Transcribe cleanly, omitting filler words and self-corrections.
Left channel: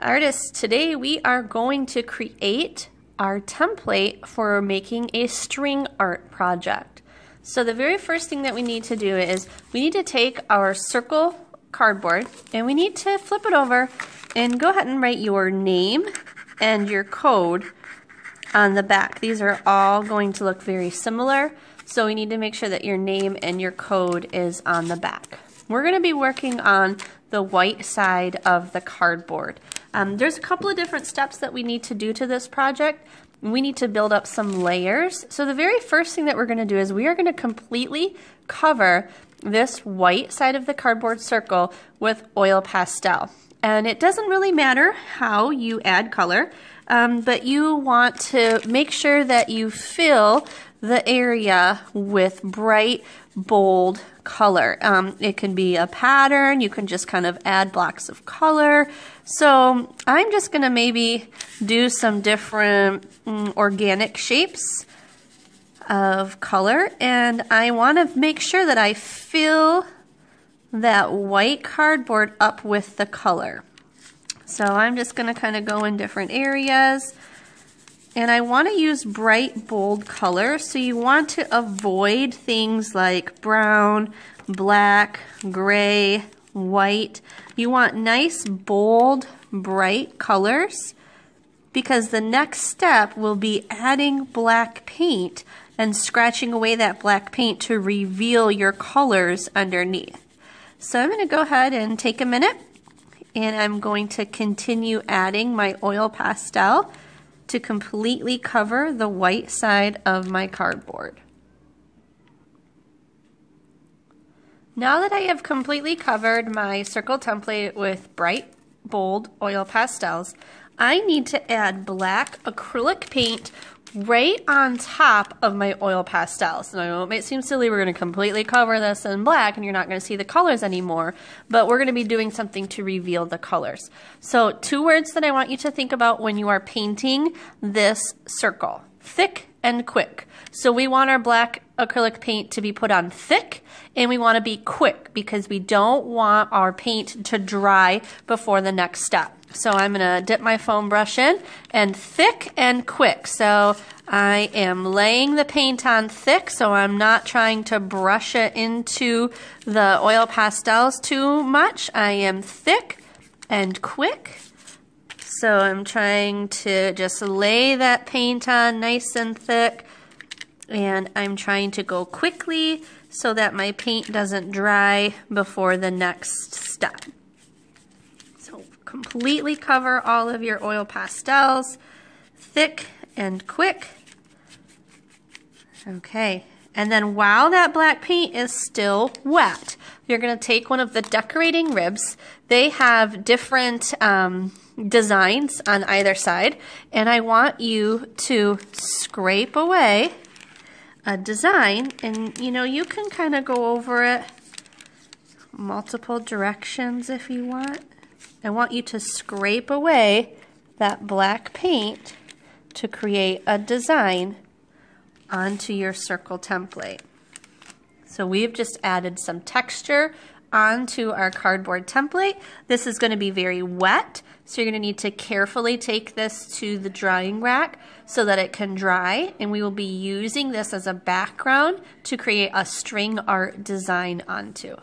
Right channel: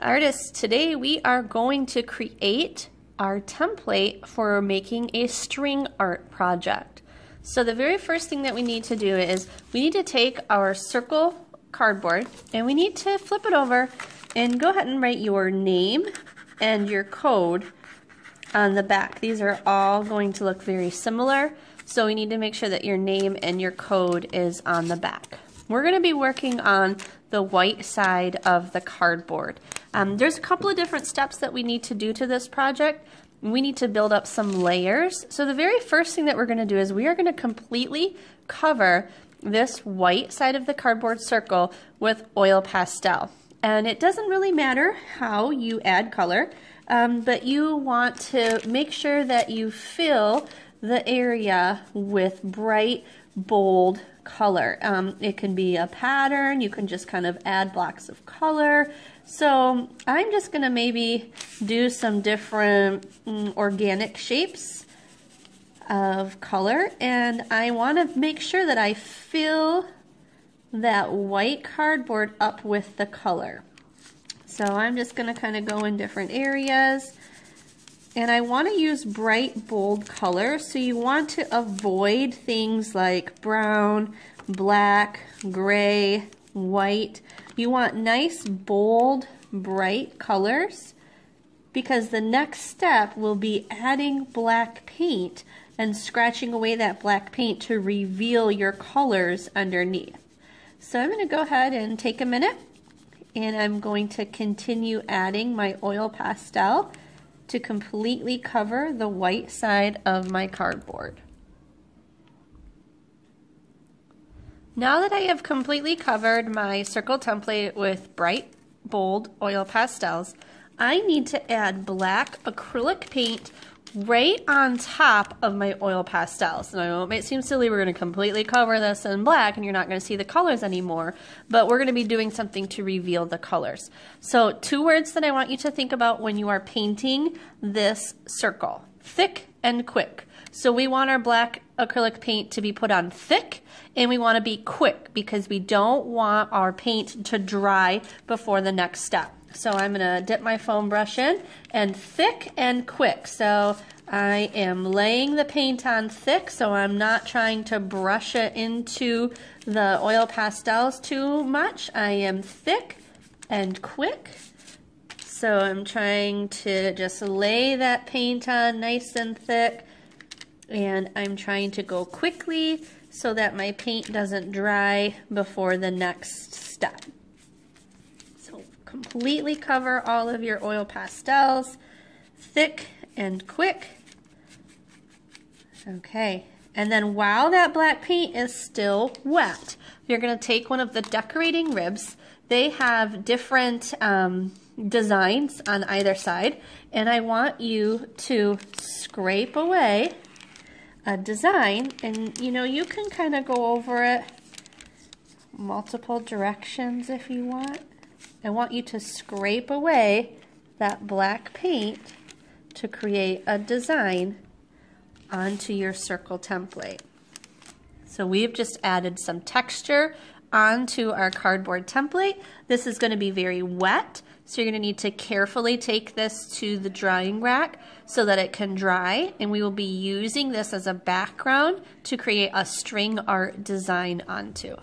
Artists, today we are going to create our template for making a string art project. So the very first thing that we need to do is we need to take our circle cardboard and we need to flip it over and go ahead and write your name and your code on the back. These are all going to look very similar, so we need to make sure that your name and your code is on the back. We're going to be working on the white side of the cardboard. There's a couple of different steps that we need to do to this project. We need to build up some layers. So the very first thing that we're going to do is we are going to completely cover this white side of the cardboard circle with oil pastel. And it doesn't really matter how you add color, but you want to make sure that you fill the area with bright, bold color. It can be a pattern, you can just kind of add blocks of color. So I'm just gonna maybe do some different organic shapes of color, and I wanna make sure that I fill that white cardboard up with the color. So I'm just gonna kind of go in different areas. And I want to use bright, bold color, so you want to avoid things like brown, black, gray, white. You want nice, bold, bright colors, because the next step will be adding black paint and scratching away that black paint to reveal your colors underneath. So I'm going to go ahead and take a minute, and I'm going to continue adding my oil pastel to completely cover the white side of my cardboard. Now that I have completely covered my circle template with bright, bold oil pastels, I need to add black acrylic paint right on top of my oil pastels. Now, it may seem silly, we're going to completely cover this in black and you're not going to see the colors anymore, but we're going to be doing something to reveal the colors. So 2 words that I want you to think about when you are painting this circle: thick and quick. So we want our black acrylic paint to be put on thick, and we want to be quick because we don't want our paint to dry before the next step. So I'm going to dip my foam brush in, and thick and quick. So I am laying the paint on thick, so I'm not trying to brush it into the oil pastels too much. I am thick and quick. So I'm trying to just lay that paint on nice and thick, and I'm trying to go quickly so that my paint doesn't dry before the next step. So completely cover all of your oil pastels, thick and quick. Okay, and then while that black paint is still wet, you're going to take one of the decorating ribs. They have different designs on either side, and I want you to scrape away a design, and you can kind of go over it multiple directions if you want. I want you to scrape away that black paint to create a design onto your circle template. So we've just added some texture onto our cardboard template. This is going to be very wet, so you're going to need to carefully take this to the drying rack so that it can dry, and we will be using this as a background to create a string art design onto.